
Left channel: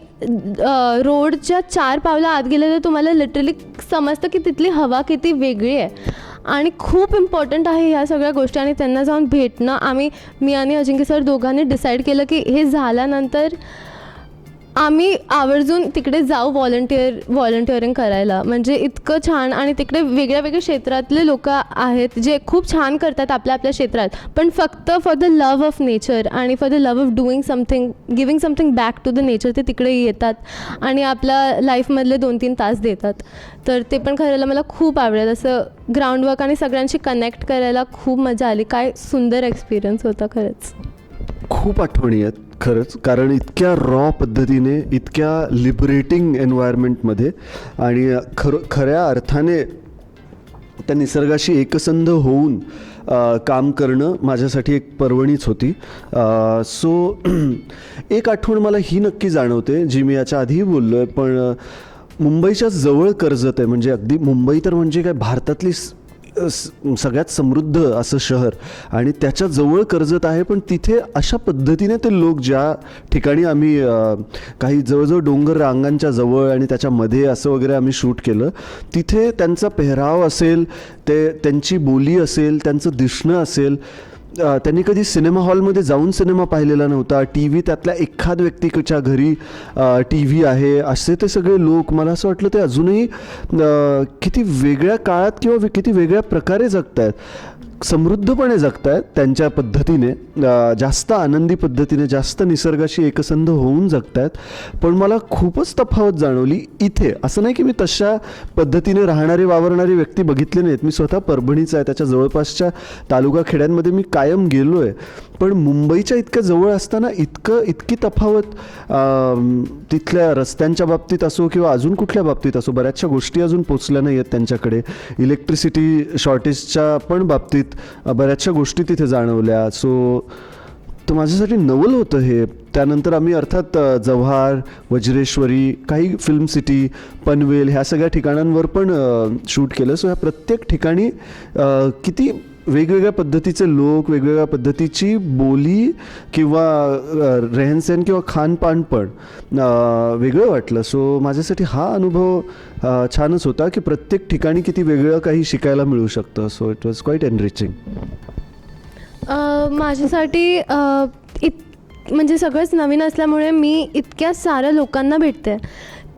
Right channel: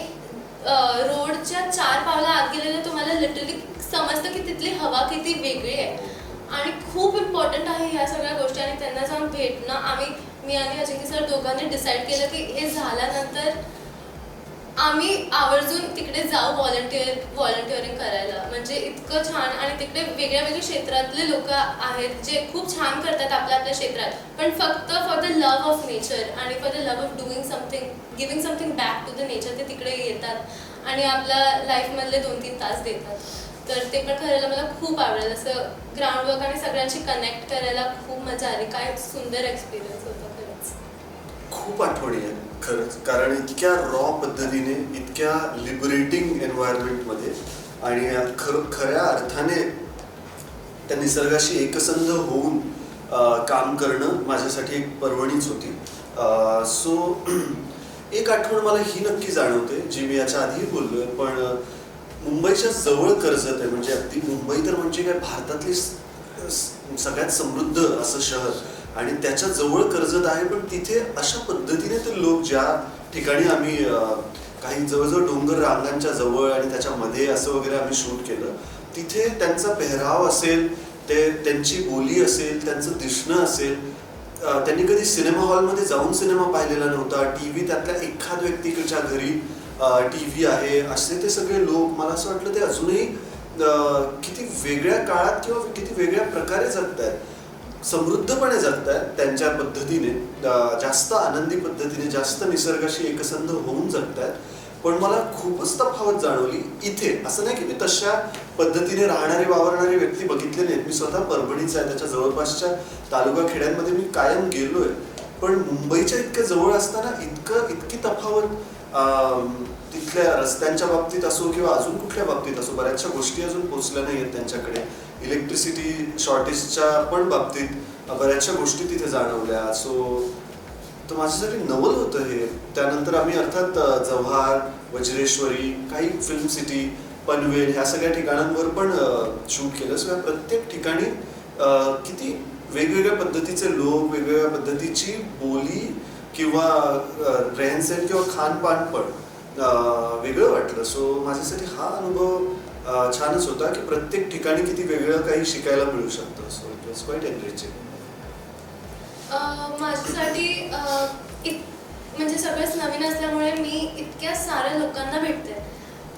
रोडच्या 4 पावलं आत गेले तर तुम्हाला लिटरली समजतं की तिथली हवा किती वेगळी आहे आणि खूप इम्पॉर्टंट आहे ह्या सगळ्या गोष्टी. आणि त्यांना जाऊन भेटणं, मी आणि अजिंक्य सर दोघांनी डिसाईड केलं की हे झाल्यानंतर आम्ही आवर्जून तिकडे जाऊ व्हॉलंटिअरिंग करायला. म्हणजे इतकं छान आणि तिकडे वेगळ्या वेगळ्या क्षेत्रातले लोक आहेत जे खूप छान करतात आपल्या आपल्या क्षेत्रात, पण फक्त for the love of nature आणि for the love of doing something, giving something back to the nature ते तिकडे येतात आणि आपल्या लाईफमधले 2-3 तास देतात. तर ते पण करायला मला खूप आवडेल. असं ग्राउंडवर्क आणि सगळ्यांशी कनेक्ट करायला खूप मजा आली. काय सुंदर एक्सपिरियन्स होता खरंच. खूप आठवणी आहेत खरंच, कारण इतक्या रॉ पद्धतीने, इतक्या लिबरेटिंग एन्व्हायरमेंटमध्ये आणि खऱ्या अर्थाने त्या निसर्गाशी एकसंध होऊन काम करणं माझ्यासाठी एक पर्वणीच होती. सो एक आठवण मला ही नक्की जाणवते, जी मी याच्या आधीही बोललो आहे, पण मुंबईच्या जवळ कर्जत आहे. म्हणजे अगदी मुंबई तर म्हणजे काय भारतातली सगळ्यात समृद्ध असं शहर आणि त्याच्या जवळ कर्जत आहे. पण तिथे अशा पद्धतीने ते लोक, ज्या ठिकाणी आम्ही काही जवळजवळ डोंगर रांगांच्या जवळ आणि त्याच्यामध्ये असं वगैरे आम्ही शूट केलं, तिथे त्यांचा पेहराव असेल, त्यांची बोली असेल, त्यांचं दिसणं असेल, त्यांनी कधी सिनेमा हॉलमध्ये जाऊन सिनेमा पाहिलेला नव्हता, टी व्ही त्यातल्या एखाद व्यक्तीच्या घरी टी व्ही आहे, असे ते सगळे लोक. मला असं वाटलं ते अजूनही किती वेगळ्या काळात किंवा किती वेगळ्या प्रकारे जगत आहेत, समृद्धपणे जगत आहेत त्यांच्या पद्धतीने, जास्त आनंदी पद्धतीने, जास्त निसर्गाशी एकसंध होऊन जगत आहेत. पण मला खूपच तफावत जाणवली इथे. असं नाही की मी तशा पद्धतीने राहणारे वावरणारे व्यक्ती बघितले नाहीत, मी स्वतः परभणीचा आहे, त्याच्या जवळपासच्या तालुका खेड्यांमध्ये मी कायम गेलो आहे, पण मुंबईच्या इतक्या जवळ असताना इतकी तफावत तिथल्या रस्त्यांच्या बाबतीत असो किंवा अजून कुठल्या बाबतीत असो, बऱ्याचशा गोष्टी अजून पोचल्या नाही आहेत त्यांच्याकडे. इलेक्ट्रिसिटी शॉर्टेजच्या पण बाबतीत बऱ्याचशा गोष्टी तिथे जाणवल्या. सो तर माझ्यासाठी नवल होतं हे. त्यानंतर आम्ही अर्थात जव्हार, वज्रेश्वरी, काही फिल्म सिटी, पनवेल ह्या सगळ्या ठिकाणांवर पण शूट केलं. सो ह्या प्रत्येक ठिकाणी किती वेगवेगळ्या पद्धतीचे लोक, वेगवेगळ्या पद्धतीची बोली किंवा रेहनसहन किंवा खानपान पण वेगळं वाटलं. सो माझ्यासाठी हा अनुभव छानच होता की प्रत्येक ठिकाणी किती वेगळं काही शिकायला मिळू शकतं. So it was quite enriching. माझ्यासाठी म्हणजे सगळंच नवीन असल्यामुळे मी इतक्या साऱ्या लोकांना भेटते.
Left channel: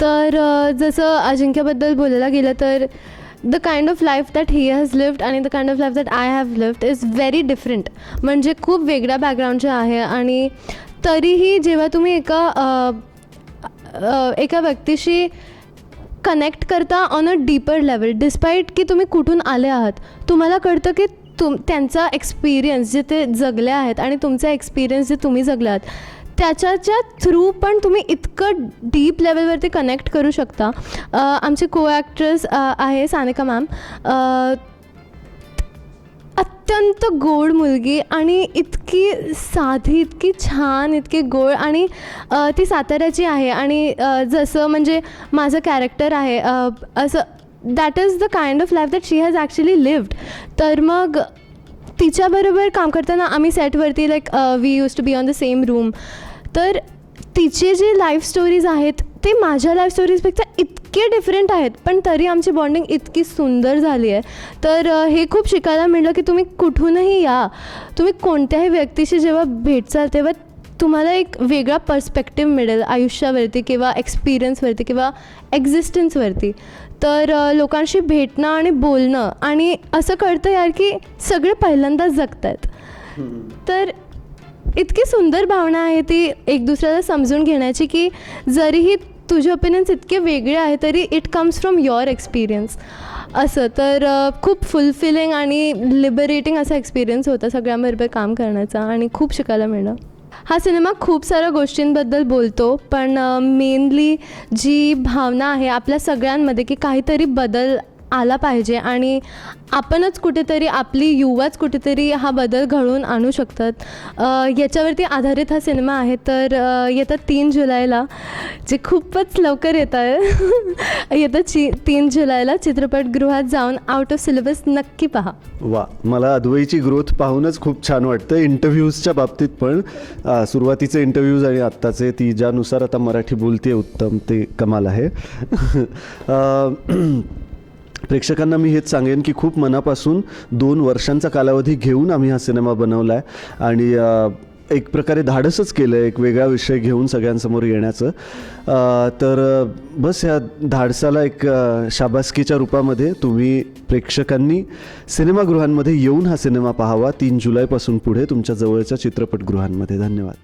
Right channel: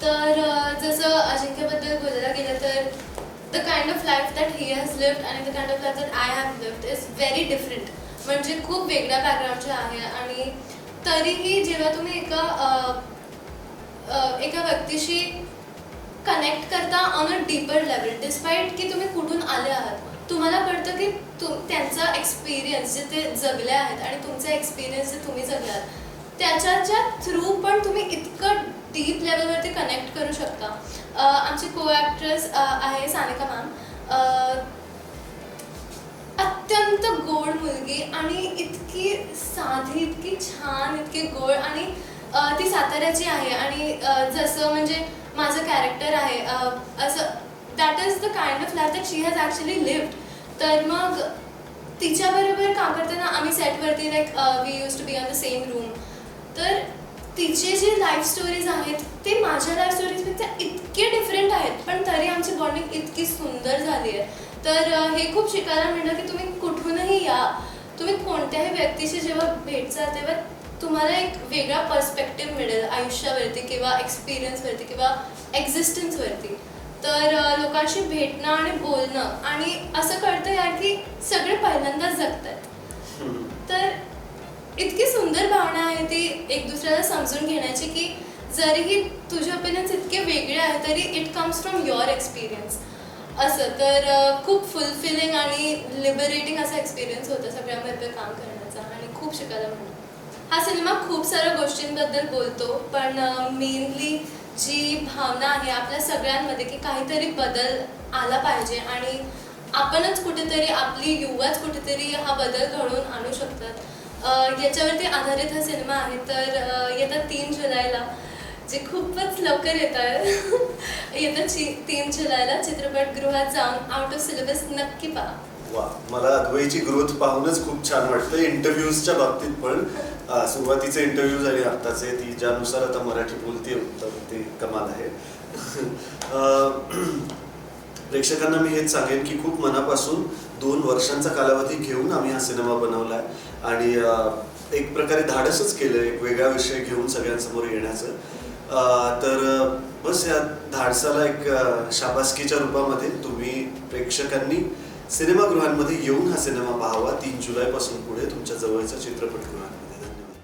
तर जसं अजिंक्यबद्दल बोलायला गेलं तर the kind of life that he has lived आणि the kind of life that I have lived is very different. म्हणजे खूप वेगळ्या बॅकग्राऊंडचे आहे आणि तरीही जेव्हा तुम्ही एका व्यक्तीशी कनेक्ट करता on a deeper level, despite की तुम्ही कुठून आले आहात, तुम्हाला कळतं की त्यांचा एक्सपिरियन्स जे ते जगले आहेत आणि तुमचा एक्सपिरियन्स जे तुम्ही जगले आहात त्याच्या थ्रू पण तुम्ही इतकं डीप लेवलवरती कनेक्ट करू शकता. आमची को ॲक्ट्रेस आहे सानिका मॅम, अत्यंत गोड मुलगी आणि इतकी साधी, इतकी छान, इतकी गोड आणि ती साताऱ्याची आहे. आणि जसं म्हणजे माझं कॅरेक्टर आहे असं that is the kind of life that she has actually lived. तर मग तिच्याबरोबर काम करताना आम्ही सेटवरती like we use to be on the same room. तर तिचे जे लाईफ स्टोरीज आहेत ते माझ्या लाईफ स्टोरीजपेक्षा इतके डिफरंट आहेत, पण तरी आमची बॉन्डिंग इतकी सुंदर झाली आहे. तर हे खूप शिकायला मिळलं की तुम्ही कुठूनही या, तुम्ही कोणत्याही व्यक्तीशी जेव्हा भेटचाल तेव्हा तुम्हाला एक वेगळा पर्स्पेक्टिव्ह मिळेल आयुष्यावरती किंवा एक्सपिरियन्सवरती किंवा एक्झिस्टन्सवरती. तर लोकांशी भेटणं आणि बोलणं आणि असं कळतं यार की सगळे पहिल्यांदाच जगतात. तर इतकी सुंदर भावना आहे ती एक दुसऱ्याला समजून घेण्याची की जरीही तुझे ओपिनियन्स इतके वेगळे आहे तरी it comes from your experience असं. तर खूप फुलफिलिंग आणि लिबरेटिंग असा एक्सपिरियन्स होता सगळ्यांबरोबर काम करण्याचा आणि खूप शिकायला मिळलं. हा सिनेमा खूप साऱ्या गोष्टींबद्दल बोलतो, पण मेनली जी भावना आहे आपल्या सगळ्यांमध्ये की काहीतरी बदल आला पाहिजे आणि आपणच कुठेतरी आपली युवाच कुठेतरी हा बदल घडवून आणू शकतात याच्यावरती आधारित हा सिनेमा आहे. तर येत्या 3 जुलैला, जे खूपच लवकर येत आहे येत्या 3 जुलैला चित्रपटगृहात जाऊन आउट ऑफ सिलेबस नक्की पहा. वा, मला अद्वैची ग्रोथ पाहूनच खूप छान वाटतं. इंटरव्ह्यूजच्या बाबतीत पण सुरुवातीचे इंटरव्ह्यूज आणि आत्ताचे, ती ज्यानुसार आता मराठी बोलते उत्तम, ते कमाल आहे. प्रेक्षकांना मी हेच सांगेन की खूप मनापासून 2 वर्षांचा कालावधी घेऊन आम्ही हा सिनेमा बनवला आहे आणि एक प्रकारे धाडसच केलं एक वेगळा विषय घेऊन सगळ्यांसमोर येण्याचं. तर बस या धाडसाला एक शाबासकीच्या रूपामध्ये तुम्ही प्रेक्षकांनी सिनेमागृहांमध्ये येऊन हा सिनेमा पाहावा 3 जुलैपासून पुढे तुमच्या जवळच्या चित्रपटगृहांमध्ये. धन्यवाद.